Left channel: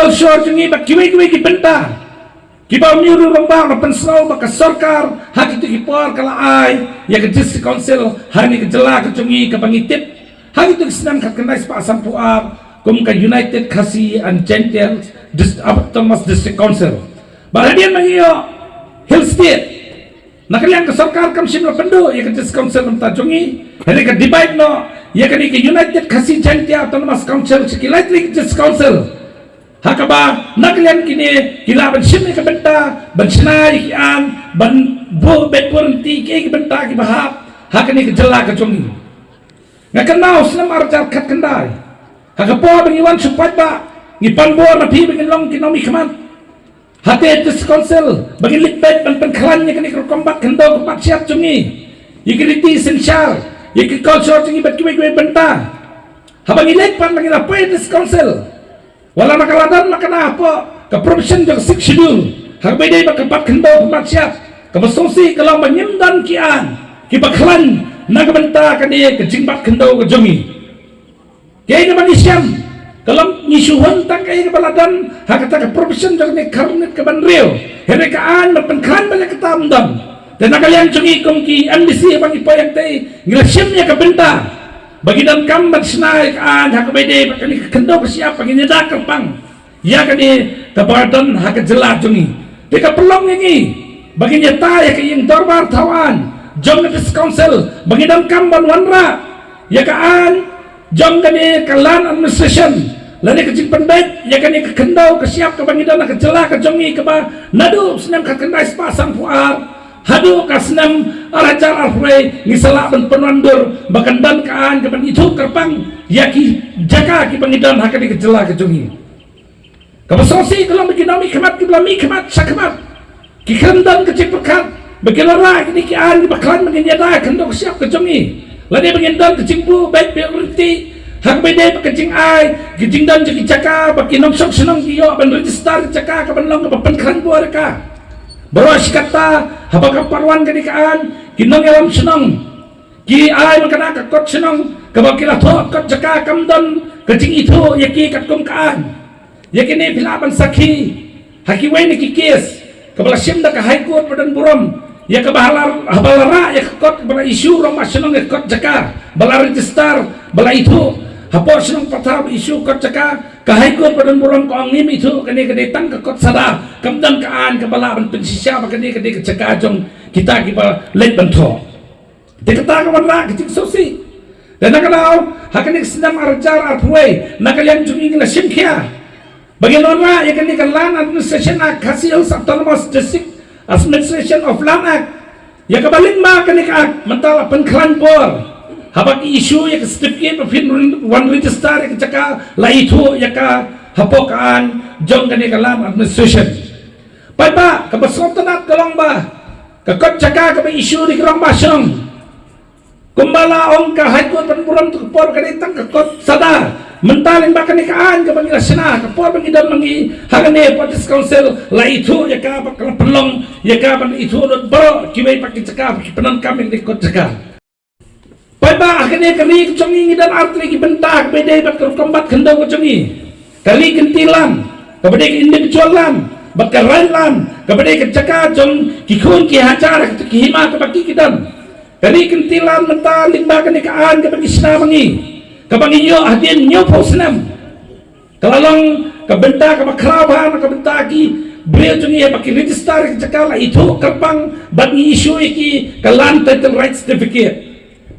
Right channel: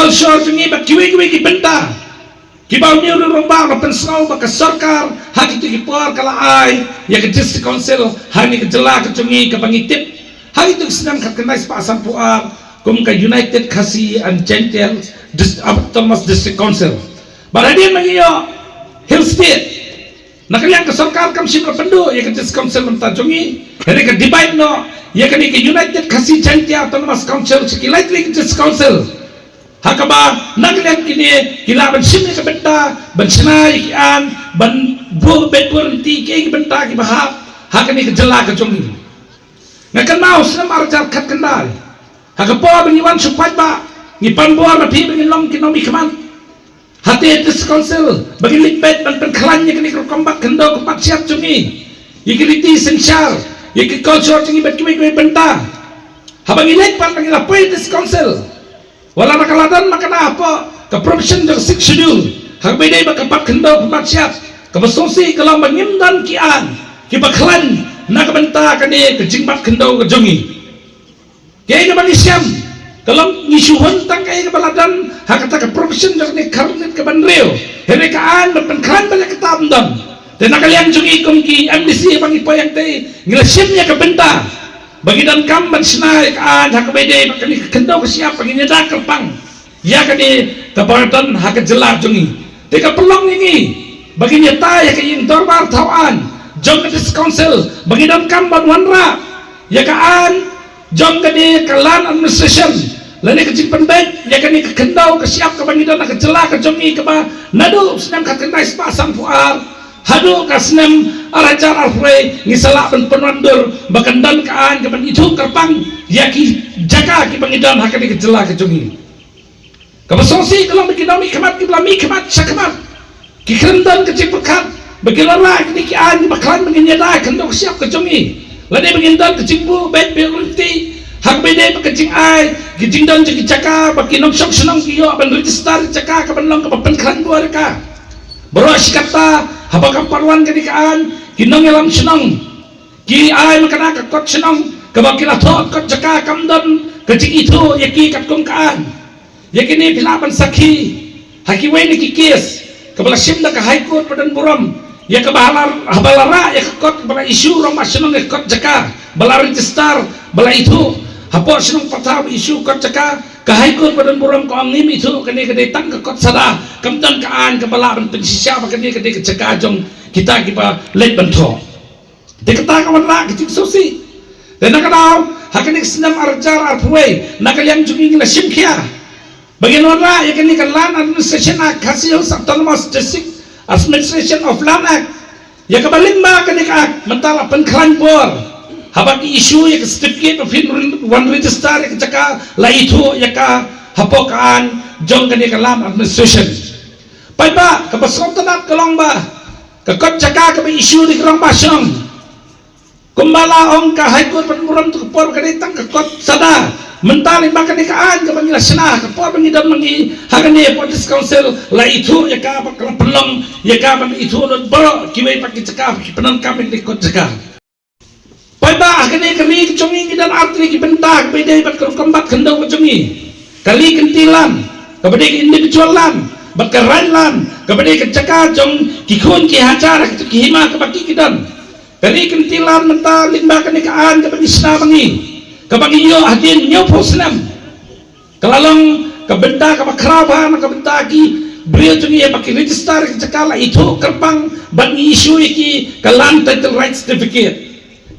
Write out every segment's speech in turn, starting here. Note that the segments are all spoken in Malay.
culture jungi ba kiwi ki benta kibaw niyo rong ba pensau ba ka sarkar hak itu ki por kala ai ya ke district council hani ke jela ke jungi ka bangitip hak itu senam kat kenais pa asam puar kum ka United Khasi and Gentile Thomas District Council baradian mangiyo Hill State nakalian ke sarkar kam simla pendu ya ke district council benta jungi hari ke divide no ya ke United Khasi Gentile Thomas Council sekilai ke district council hakaba nakalian kini kilaban simni ke benta ban senai kian ban bo betwenti ke benta ki bahap hakani ke jela ke jungi ngakan mau senam arjar kat kendai hakapo bengiwan supai ba ngipan bor na pi bengin long kinomi kaman hati this council bagi lipet ban penkhalanya kini kombat kendo kombat siap jungi yikiliti essential yiki culture jungi bet kimi benta habang ilek pan bagi lapoi this council wala nakaladan makana apa ke provision jang 6 schedule hagbedai ba kombat kendo kombat siap kabasongsi kalau menyimdan kian kibaklan nak benta kani ke jingbat kendo ke jungi kaya ke bagi siam kalau ngisuhun tak kaya ke baladan hakata ke provision jang ni karnit ke banreo hele kaan berpenklan banyak ketamdam dan nakalian jungi kumki MDC bagi payang tay ngilasimnya ke benta bagi dan kamban senai kaan hakabede kani ke kendo ke siap bagi nyeda kerpang ya kani ke baladan hak jelar jungi teka pelong ini bagi nyata ya ke yang dorbar tawan jong ke council bagi dan kamban wanra ya kaan jong kani kalan administration lani ke jimpan baik ya kani ke kendau ke siap ke bagi dan ke jelah ke jongi ke ba nadu senam ke kendai sepasang puar hadu ke senam arajar alfrey ngisalak ben penandur bakandan kaan ke ban itu kerpang ya ki jaga ki bangidan hakani ke jelah ke jongi kabasongsi kalau bagi nami kemat ki belami kemat sakamat ki kendan ke cipurkat bagi lara kini ki an bakalan menginyada kendau ke siap ke jongi lani bangidan ke cingbu baik berhenti hak bede pakecing ai gijing dan jadi caka bagi nom sok senong kiyo ban register caka ka ban long ka penkran buar ka boros kata habaka parwan kadikaan kinong elam senong ki ai makana ka kot senong ka bakila thot kot caka kamdan kecing itu yaki kat kumkaan yakini pilaban sakhi haki waini ki kes kabala simda ka high court badan buram ya ka bahalara ya ka kot bala isu rom senong ya kot caka bala register bala itu hapor senong patah isu kot caka kahikut badan buram ko angim itu kene kene tang ke kot sada kamdan kaan kepala ban pensisya kene kene ke caka jong kita kipa late bantho de kata ka wala kitik sosi dan nakalaw hakene senam arjar arpwe nakalian jungi ngila simkia bagian ora ya kene kalan administration act hasil autonomous district administration of land act ya kabaling ma kene ka mentala penklan bor habaki isu ya ke certificate of one register ya ke caka la itu ya ka hapokan jong kani kalam administration pai ba ka basong tanat kalong ba ka kot caka ka isu di kalong ba syong kumbala ong ka high court penmuram tu por kani tang ka kot sada mentaling ba kani kaan ka bangila sena ka por bangidan mangi hagane police council la itu ya ka bakal pelong ya ka ban itu don bro kimai pakai caka penan kami di kot caka pada akhirnya kami kecongi dan artri ki bentak beda bat kombat kendau kecongi kali kentilan kepada individualan bat kerailan kepada kecaka jong kikun ki hajar ki hima kebaki kidan kali kentilan menta limba kenekaan kepada isna bangi kebangi yo hadin nyo posnam kalalong kebentak kebakraban kebentaki beliau jongi ya pakai register kecaka la itu kerpang bat isu iki kalan title right certificate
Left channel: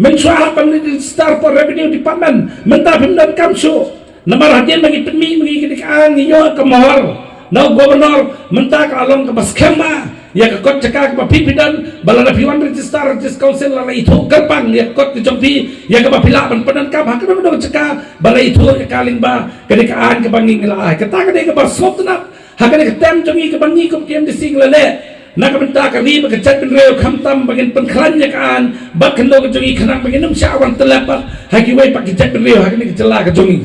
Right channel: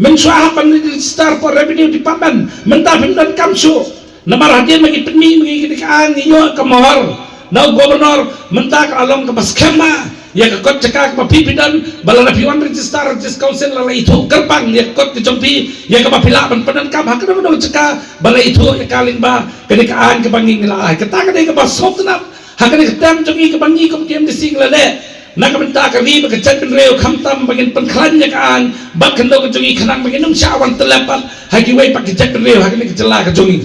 mensuahapan register for revenue department mentapim dan kamsu namar hadian bagi peni bagi kedekaan iyo kemahor na gubernur mentak along ke baskema ya ke kot cekak mapipidan balana piwan register council la itu kerpang ya kot ke jompi ya ke mapila penan kam hakana do cekak bala itu ya kaling ba kedekaan ke bangi ngila ketaka de ke basop tenap hakana ke tem jongi ke bangi kom kem de singlale nak benta kami bekerja penreo kamtam bagian penklannya kaan bak kendo kejongi kanang bagian num syawan telapat haki wai pakai jet penreo haki ni kecela kejongi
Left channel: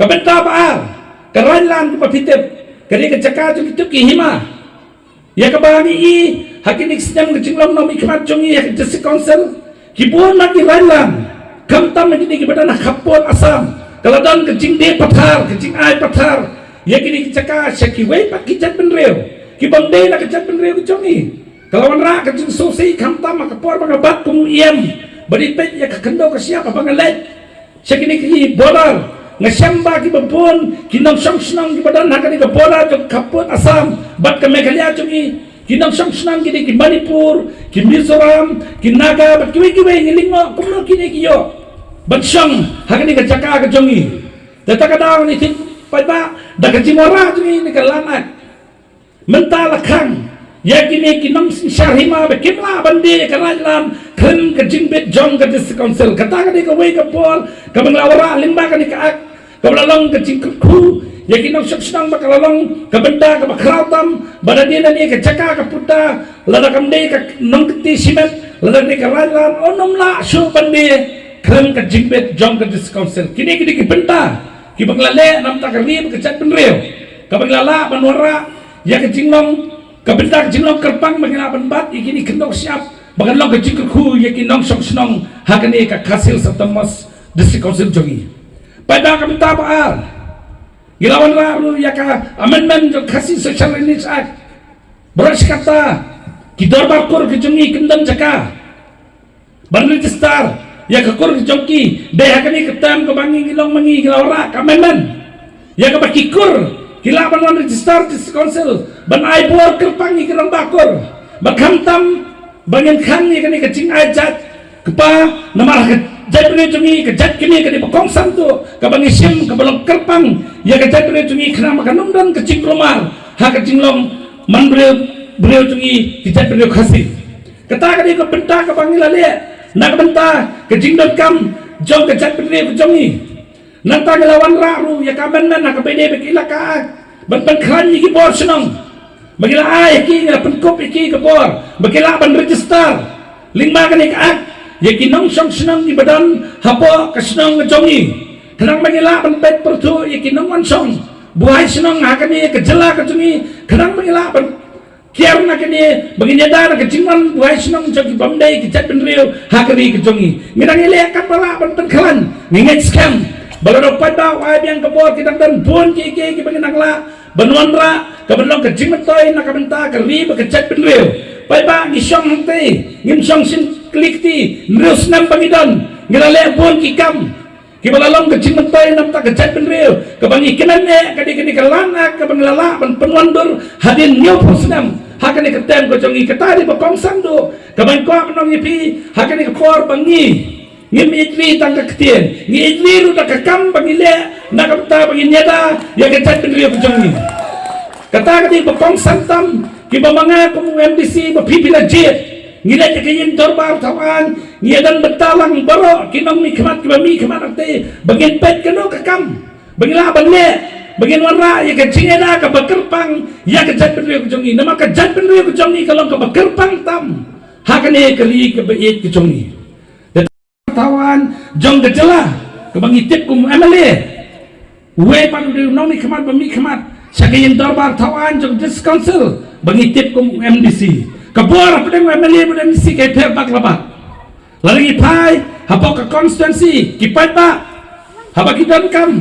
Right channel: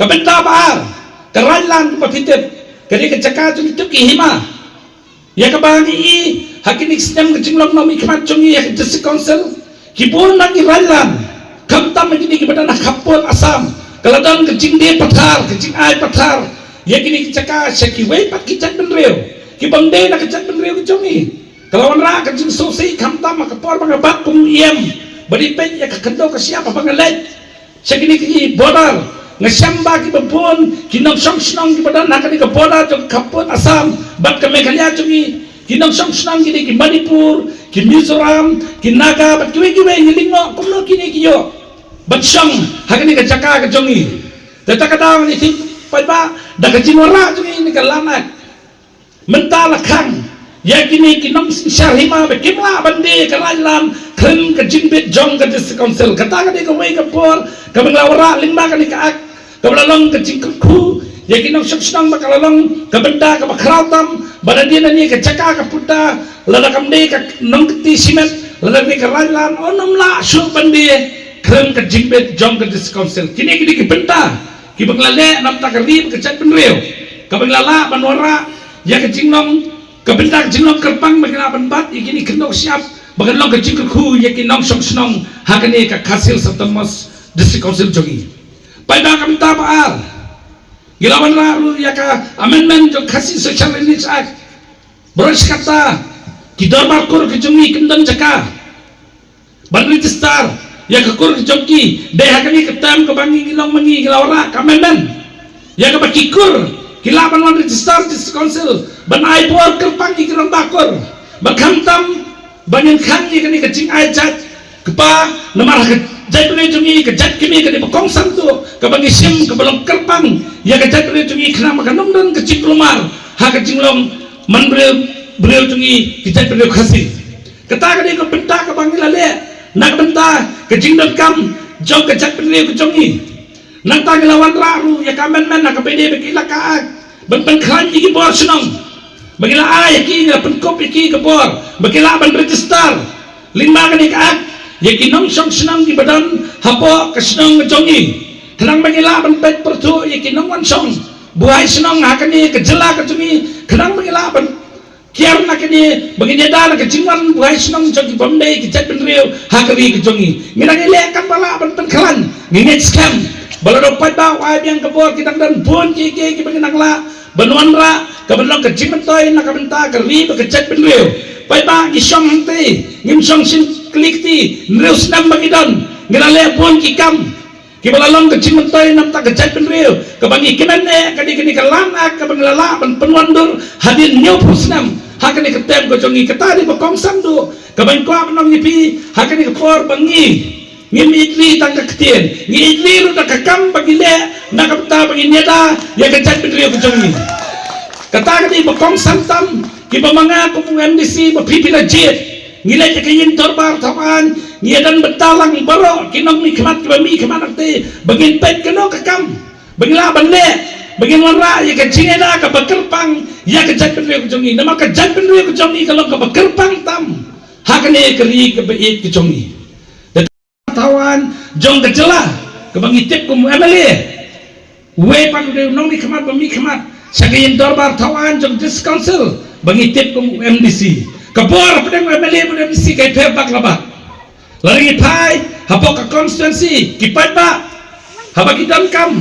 kabenta baal kerailan kepatitip kali kecaka jongi tu hima ya kebangi i haki ni sedang kejinglam nomi kemat jongi ya kejesi council kipun lagi railan kamtam lagi ni kebadan kapur asam kalau dan kejing dia patar kejing ai patar ya kini caka syakiway pat kicat benreo kibang day na kicat benreo kujongi kalawan ra kajing susi kamtam makapor pangabat kumuyem badipet ya kakendo ka siapa pangalet syakini ki bodar ngasyamba ki babon kinong song ki badan nakani ka bodar jong kapot asam bat ka meghalaya jongi kinong song ki Manipur ki Mizoram ki Naga bat kiwe ngilingo kumno kini kiyo bat song hakani ka caka ka jongi tatakadaw ni tik pa daga jimora jongi ni ka lanat mentala kang yakini kinong syarhima bekimla bandi kalalan kren ka jingbet jong ka district council kata ka di ka way ka por ka menglawara lima ka ni ka ak ka malalong ka jingkku yakinong syaksinang makalalong ka benda ka makrautam badadi na ni ka caka ka puta lada kamde ka nongkti simet lada ni ka kalalan onom la syu bandi kren ka jingbet jong ka district council kini ki benda ki banglale nam ta ka rib ka chat benreo ka banglala banwara ya ka jingnong kabenta jinglong kerpang maglaban bat ikini kendok siap bagalong ke jingku yakinong song hakani ka kasil satamos district council jogi pada kabenta baal gilawan ra ya ka amendment jo kasih social needs act beras kata kita barkur ke jongi kendang jaka ban register ya ka kur jogi de hakani ketam ke bangi gilong mangi gilawara amendment ya ka bakikur kilaban wan register district council ban ai por kerpang ikrang bakor bakhamtam bangen khang ni kani kacing ai jat kepa namar jat bre jungi ke jat kini kani bakong santu ka bangi sim ke balong kerpang ya ke jat bre jungi khna makanum dan kacing rumar ha kacing long man bre jungi ke jat bre khasi kata kani ko benta ka bangi lale nak benta kacing dot kam jong ke jat bre ko jungi nang tanglawan ra ru ya kamen men nak pede bekila ka ban khan ni ki bor senong bagila ay ki ngala penkop ki ke bor bagila ban register lima kan ik ya ki nong song senong ki badan hapo ke senong jongi kenang bagila ban pet pertu ya ki nong wan song buai senong hakani ke jela ke jongi kenang bagila ban kiar na kini bagini da ke jingan buai senong jongi bamdai ki chat benrio hakari ke jongi nginang ile kan bala ban penkhan nginget scam balado pada ay biang kabor kitang dan bon ki baginang la banuan ra kabenlong ke jimetoy na kabenta ke ri ke chat benreo pai ba gi song hante ngim song sin klik ti news nam bagidon ngirale bon ki kam ki balalong ke jimetoy nam ta ke chat benreo ke bangi kinane kadi ke lana ke banglala ban penuan dur hadin new pusnam hakani ke tem ko jongi ketari ba kongsam do ke bang ko menong ipi hakani ke kor bangi ngim itli tang ketien ngi itli lu tak kam bagile nak kata baginyada ya kecat benrio kejongi kata kati bakong santam ki bamanga kumu MDC mapipi na jet ngila ya kayin torbar tawan ngiadan betalang baro kinong mi kemat ki bami kemat arte bagin pet keno kakam bagila banle bagin wanra ya kecingena ka bakerpang ya kecat benrio kejongi nama kecat benrio kejongi kalau ka bakerpang tam hakane keri ke beit kejongi tawan jong kejela kebangitip kum MLA we pan de nong mi khamat bami khamat sagayin dorbar tawan jong district council bangitip kum MDC kabor pedeng MLA bu MDC kay perbak labat lagi pai hapok ka constituency kipat ba habakidan kam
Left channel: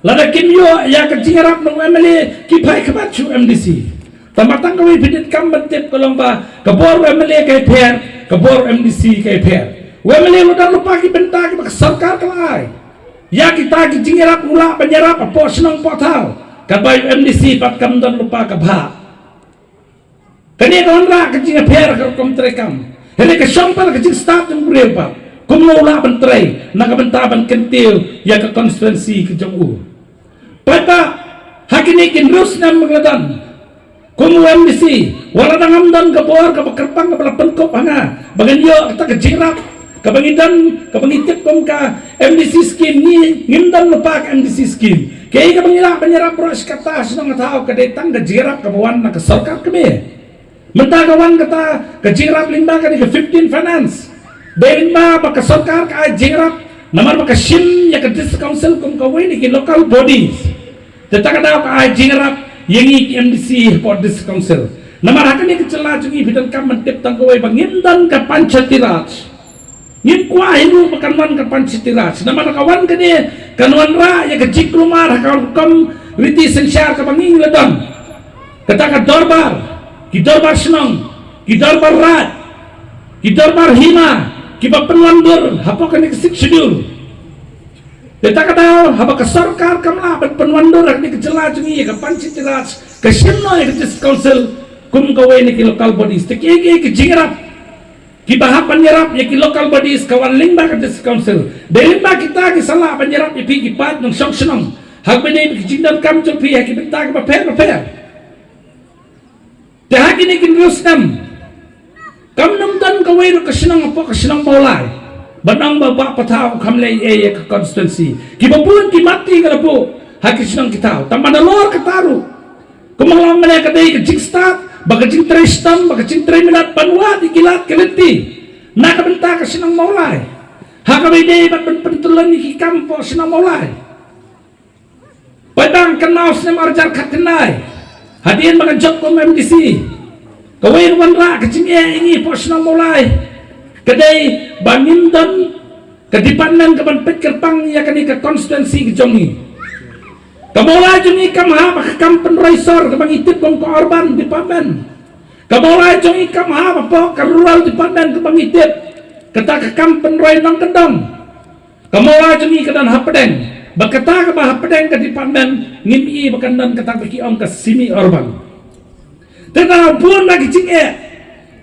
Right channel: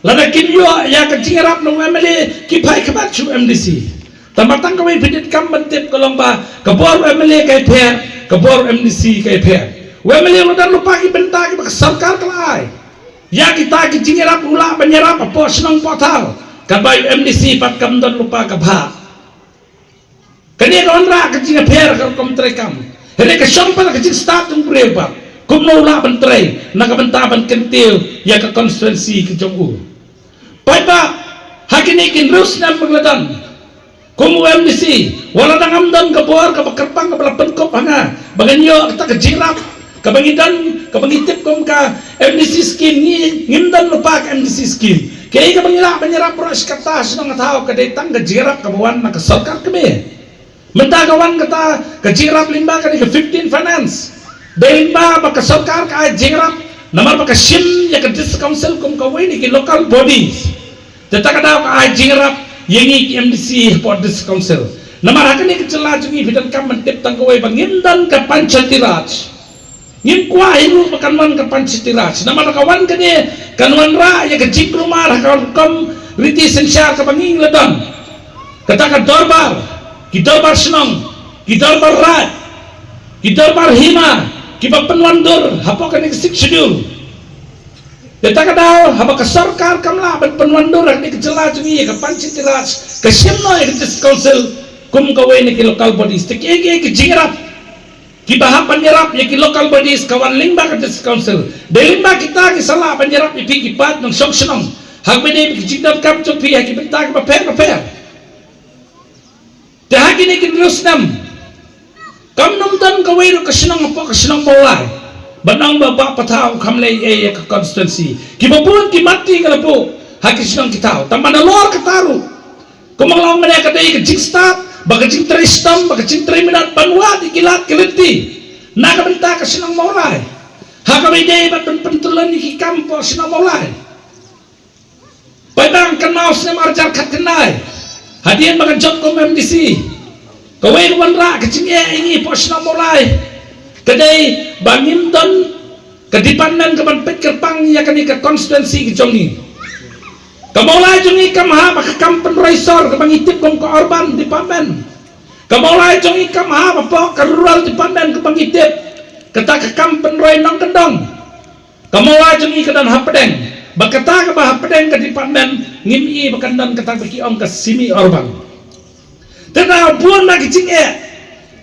lada kimyo ya kejingarap no MLA kipai khamat chu MDC tamatang kawai bidit kam bantip kolomba kabor MLA kay per kabor MDC kay per wemeli ludan lupa ki benta ki sarkar kelai ya kita ki jingirap ula menyerap apa senong portal kabai MDC pat kam dan lupa kabha kani konra ke jing per ka kom trekam hele ke sompal ke jing start ng brepa kum no ula bentre na ka benta ban kentil ya ke constituency ke jongu papa hakini kin rus nam magladan kum MDC wala nangam dan kabor ka kerpang ka penkop hanga baganyo ta ke jirap kabangidan kabangitip kom ka MDC scheme ni ngimdan lupa ka MDC scheme kay kabangila banyarap pros katas ng tao kadetang kajirap kabawan na kasarkar kami mentagawan kata kajirap limba ka ni ka 15 finance dahil limba makasarkar ka jirap namar makasim ya ka district council kom kawin ni ki local bodies tetaka daw ka jirap yengi ki MDC for district council namar hakan ni kecela jungi bidan kam mentip tangkawai bangimdan ka panchatiraj ngim kwa himu makanwan ke pancitiras nama kawan kene kanwan ra ya ke jik rumah kawan kam riti sensyar kabanging ladon kata dorbar ki dorbar senong ki dorbar rat ki dorbar hima ki penwandur hapokan ni schedule kata daw haba ka sarkar kamla ban penwandur ni kejela jungi ka panchayat raj ka simno ya district council kum kawe ni ki local bodies te ki jingrap ki baha penyerap ya ki local bodies kawan lingba ka district council delimba kita ki salah penyerap ipi ki pat ng soksenong hak bede ki jindam kam chopi ya ki benta ka paper te hak ni ki rusnam kam num tan kawe ro kasenong apo kasenong bolai banang baba patao kamle e ka constituency ki bapun ki mati ka po hak kasenong kitao tamana lor kataru kumanglang mana ka dei ka jigstat baka cinta istam, baka cinta minat panwa di kilat kiliti nak benta ka sinang maulay haka bide bat pentulan ni kampo sinang maulay padang kenal sinang arjar kat kenai hadian baka jok ko MDC kawai wanra ka cinge ini po sinang maulay kadai bangin dan kedipanan ka ban pikir pang ya kani ka konstituensi ki jongi kamulai jungi kamha baka kampen raisor kabang itip kong ka urban department kamulai jungi kamha bapa ka rural department kabang itip kata ka kampen rai nong kendong kamulai jungi kadan hapedeng bakata ka bah hapedeng ka department ngimi bakandan kata baki ong ka simi urban tena buon lagi cinge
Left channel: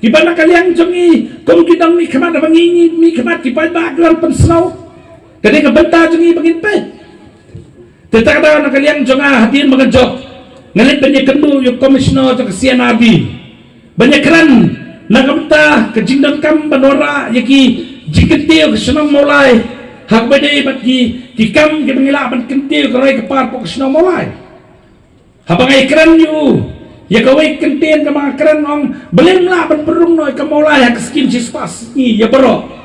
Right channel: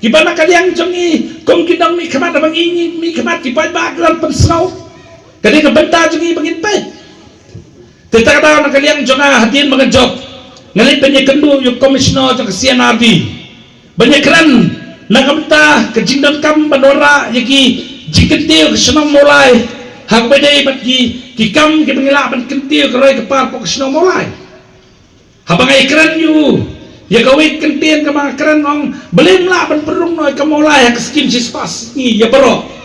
kibana kaliang jungi kong kidang mi kamat bangingi mi kamat kipai baglan pensau kadi ka benta jungi bangin pet tetapi daw nakaliang jonga hatin mga jok ngalit banyak kendu yung komisioner jong CNRD banyak keren nakapta kejingdam kam bandora yaki jikentiyo kesenang mulai hak bede bat ki kam ki pangila ban kentiyo karay kapar po kesenang mulai habang ay keren yu ya kawit kentiyan ka mga keren ong belim la ban perung noy kamulai hak skim sispas ni ya baro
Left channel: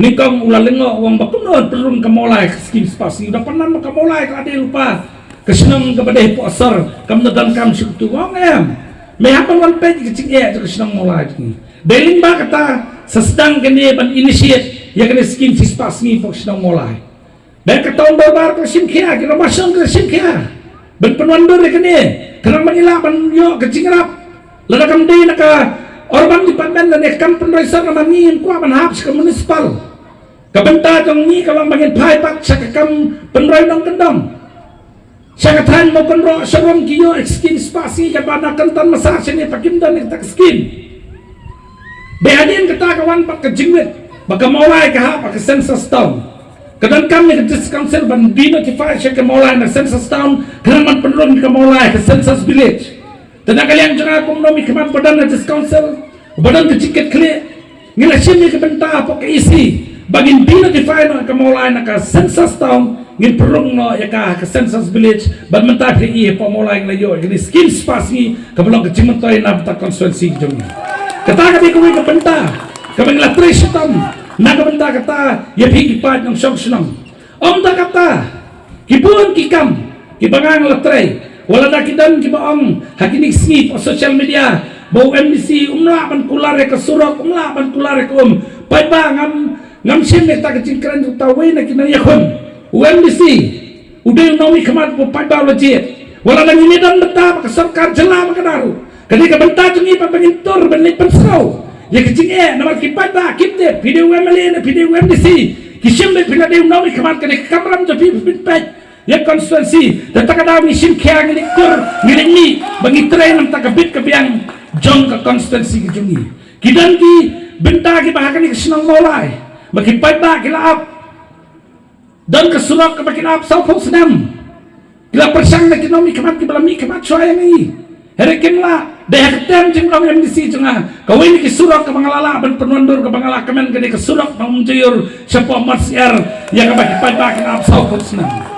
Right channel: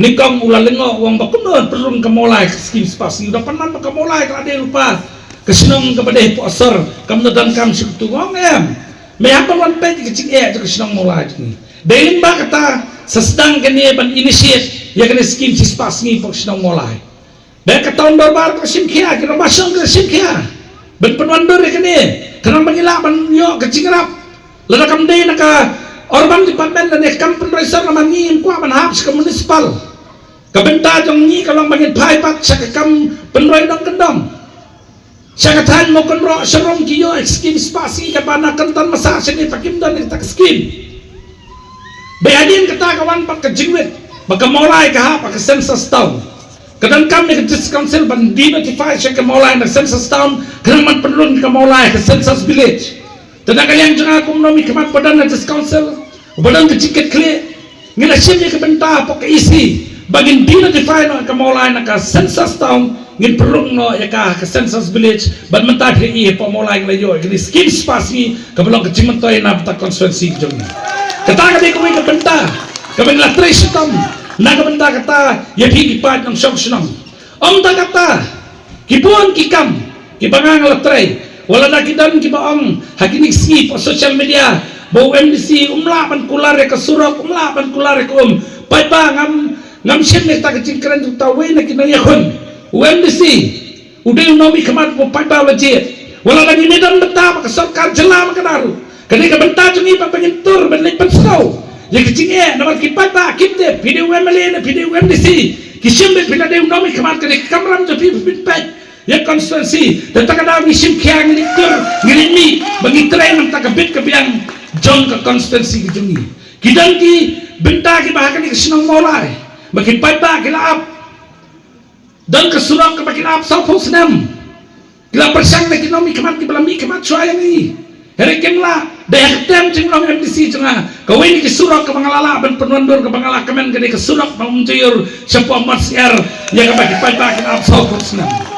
nikong ulalengo wang bakunon perun kamulai skim spas udah pernah kamulai kalau dia lupa kesenong kepada poser kamu dan kamu suku ngong mehapun wan pej kecing kesenong mulai ni dalam ba kata sesedang kini ban initiate ya kini skim spas ni kesenong mulai dan kata barbar ke simkia kira masang ke simkia ban penwandur kini kena mengilak ban yo kecing rap lalu kamu deh naka Orban department dan kampung raisor nama ni kuah ban habis ke municipal kabenta jong ni kalau bangin pai pat sa kam penroy dong kendong sa katan mo kenro serong kiyo skim spasi ka bana kentan masa sini pakim dan tak skim de adin kata kawan pak kejingwit baka mulai ka pak census town kadang kami ke district council ban di notify sa ka mulai na census town kadang man penlun ka mulai ka census village tenaga yang jong aku nomi kemat badan na district council badan keciket clear ngila sini kabenta pak isi bagin di-notify no kamulay na ka census town ngin perung no ya ka census village bad mentay pri pamulay na yo gini skim spasi kabalong kacimentoy na bata constituency jong kata ka di kumay kabenta kabing latris tom na kabenta kata ya higipad ng siyong ta kata kipun kikam kibangang latray wala na kidan kibaong hakinig skip o social media bau MDC umlaban kulare ka surok umlaban kulare ka pai ba ngam siyempre ta kecing keren tu tahu na kinayahon UMDC udah nomi kemat po pai ba legit wala lagi medan beta ka sarkar jela makadaru kani ka benta jungi pa pengintur benlik pensau ya kecing nama kipat ba kitte video MLA na video UMDC kisiyempre pinadaw nomi kemat kani kamram jo pipit ya konstituensi dan tak ada misim kaya ngeliktur ngelimi bagi tren tak kabit kabiang jong ke konstituensi kejungi kidan ki benta ki bahkan ki senang mulai makin pada kilap dan kesurak ke makin up sau senam kila persang na kinomi kemat kibalami kemat suaya ni herekenlah daya ketem jeng nomi MDC jenga kawin ki surak ke mangalala ban penundur ke mangala kemen ke kesurak mengjayur siapa marsier yang ke makin pada kilap sau senam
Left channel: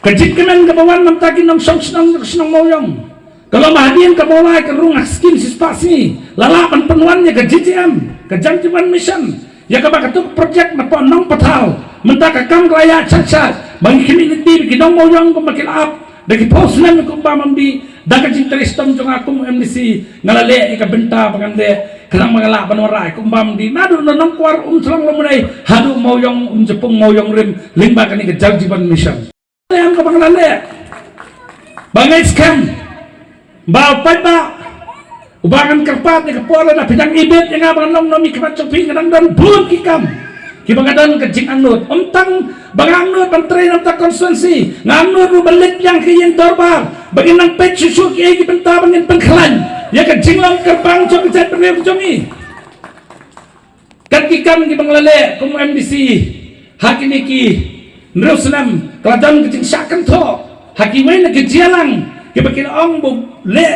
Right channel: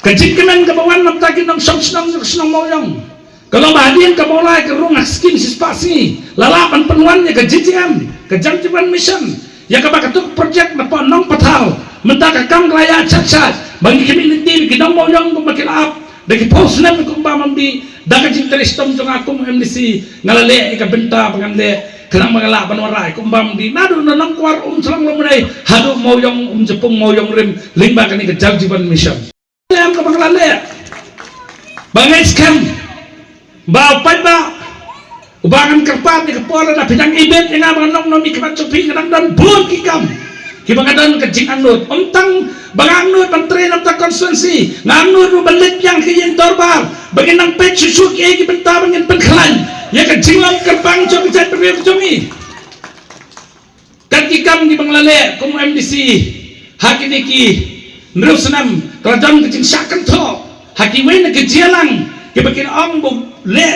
kejikenan ke bawah nam takin nam senang moyong kalau bahadian ke mulai ke rumah skin sispasi lalapan penuannya ke JJM ke janjiban mission ya kabakatuk project na po nong pataw mentaka kam klaya chat bagi community kidong mo yung kumakil up bagi post na kung ba mamdi daga jinteristom jong akong MDC ngalale ikabenta pangande kanang mga laban waray kung ba mamdi nado na nang kwar selang lumunay hado mo yung jepong mo yung rim limba kani ke janjiban mission yang ka panglale Bangai skam ba pai ba ubangan kerpat ni kepala na bidang ibet yang abang nomi kemat copi kadang dan bun kikam kibangadan kejing anut untang banganut menteri namta konstituensi nganut balik yang kiyen torbar bagi nang pet susu ki benta bangin pengklan ya kejing long kerbang copi jat perlu comi kan kikam di banglale kum MDC hakini ki nerusnam kerajaan kejing sakan tho hakimai na kejalang kibakin ong bu le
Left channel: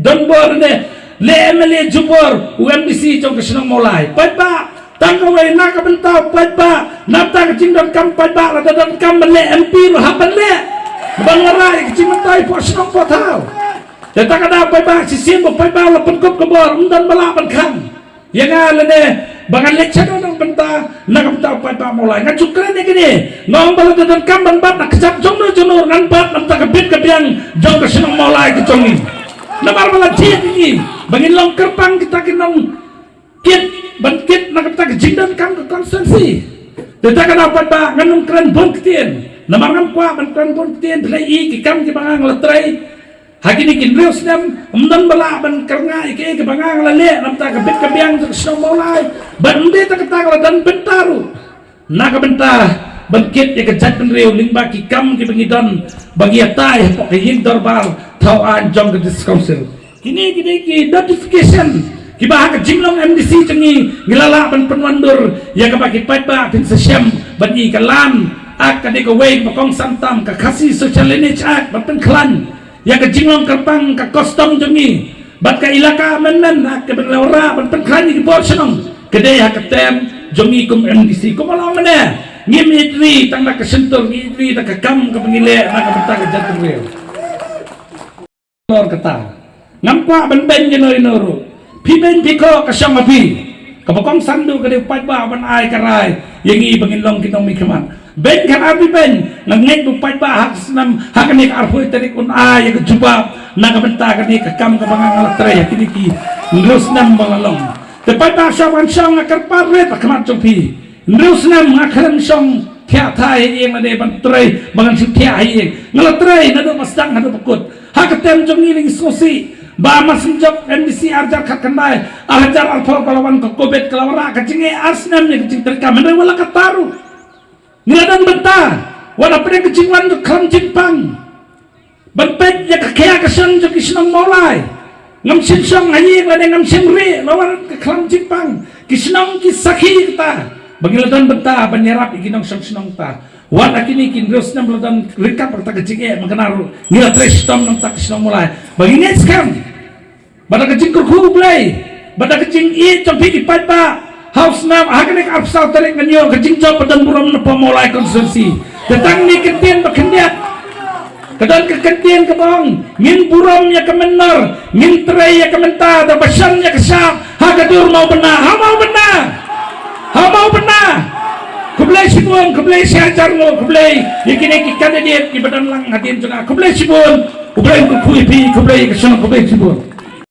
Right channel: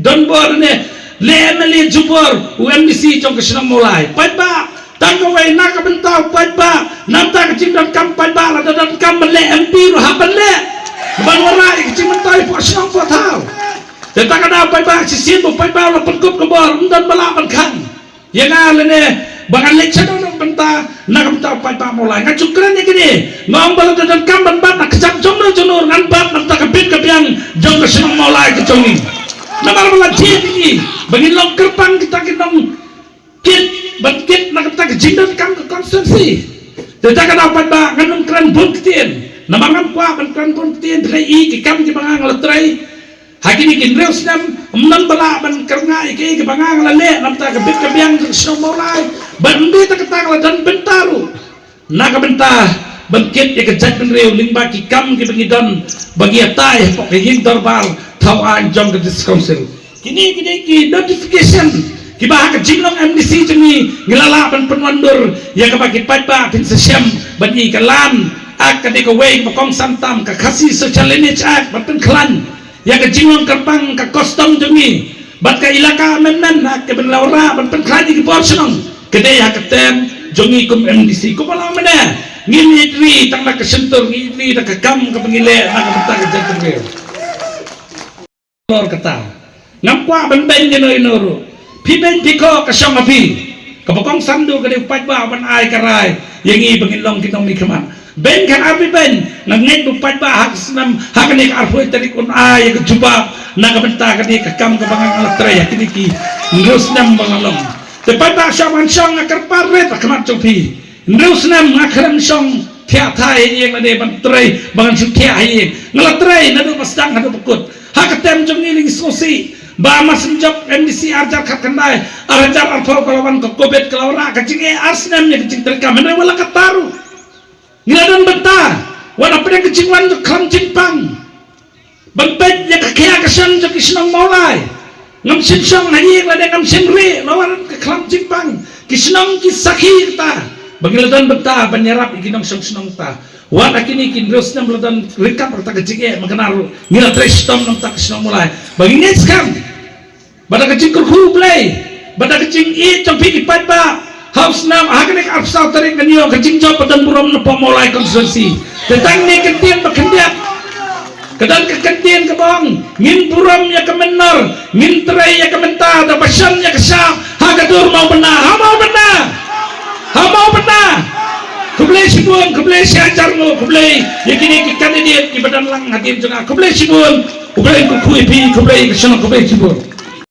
donbor ne le MLA jupor UMDC trong kesenang mulai pai ba tangkawai nak bentau pai ba namta kecing dan kam pai ba la dan kam le MP lo haban le bangarai kecing mentai po senang po tau dan tak ada pai ba sisin bo pai ba la pengkup kebor dan bala kan yang ala ne bangan le chado nang benta nak bentau pai ba mulai ngacukran ne gini ngom bala dan kam ban nak kecap jomno junur ngan bat namta kebit kebiang jong kesenang mulai kecong nabar bala dia ini bangin long kerpang kita kinong kit bangkit nak kita kejindan kam ke konstitusi kita kan dapat ba nganun kran bon ketien namangan kwa ban kran bon ketien dai ki kam ki bangang letrai hakini kin reus nam umnan bala ban kerngai ki bangang lale nam ta kebit kebiang sno maulai ban ndi ta kata dan bentaru nak bentah bangkit ya kejat penreu lingba ki kam ki bangidon bagi atai pok yin dorbar thau an jong the council kini ki notification ki bah ka jingnong MDC changi ngilala ban penwandur ya ka bagi patba tin sesiam bagi kalan ak ka ko wei bakong santam ka khasi social lineage act ban klan ya ka jingnong kapang ka custom changi bat ka ilaka men ak ka berlaura ban klan ki portion kede ya ka tem jongi kum MDC ko malang mena ngilitri tang na kasentur ngilitri na kakam ka pangile na kapata ka jatur kata namkwa ben jenoy noro piben diko ka syang api kapakong sandu ka diupat ba ban ay karay yangi bangilong kinong mikaman ben kan api ben ngangit upat ba hak nam hak ni ka arfoy tarik un ay ka jubab na kabenta ka di kakam ka bangang alatre kini ki ngos nam bangalong tepat ba syang syang akarpar ret kamat chopi ngos nam ngakram syang thia thai yang ade ban trai bangan su thia hai ngalatrai na do masdang hadu pukut hakatem jongiling sosi ba masenjok MDC arjar kakandai arjar alfar kalawan ko kobet kalawra kacing arsnam nya kacing terka mena wala kataru niladan benta wala pedang kacing wan klam cimpang bentet ya kakea kesan jok isnong maulai ngam sinsong hayi la ngam senri lawan ke klam cimpang kisnong kisaki kita bagiladan benta penyerap ikinong senong ta wala kini kin terus nam ladan rekap kata kecing mengenal nila trestom nam tak senong mulai bagini skam pada kecing kurku play pada kecing i campi ipat ba house nam hakanik afsal tarik kanyo kecing job padan buram nepo mulai konstitusi tentang ni kentien bakendiat kadang kekentien kebong min buram ya kemenar min terai ya kementa da basan ya kesap hagadur mau benar ha mau benar kublai sibun kublai syajar lo kublai yakini ki kandidat ki badan lang hatin juga kublai sibun kublai ku kuipi kublai kesana kublai sibun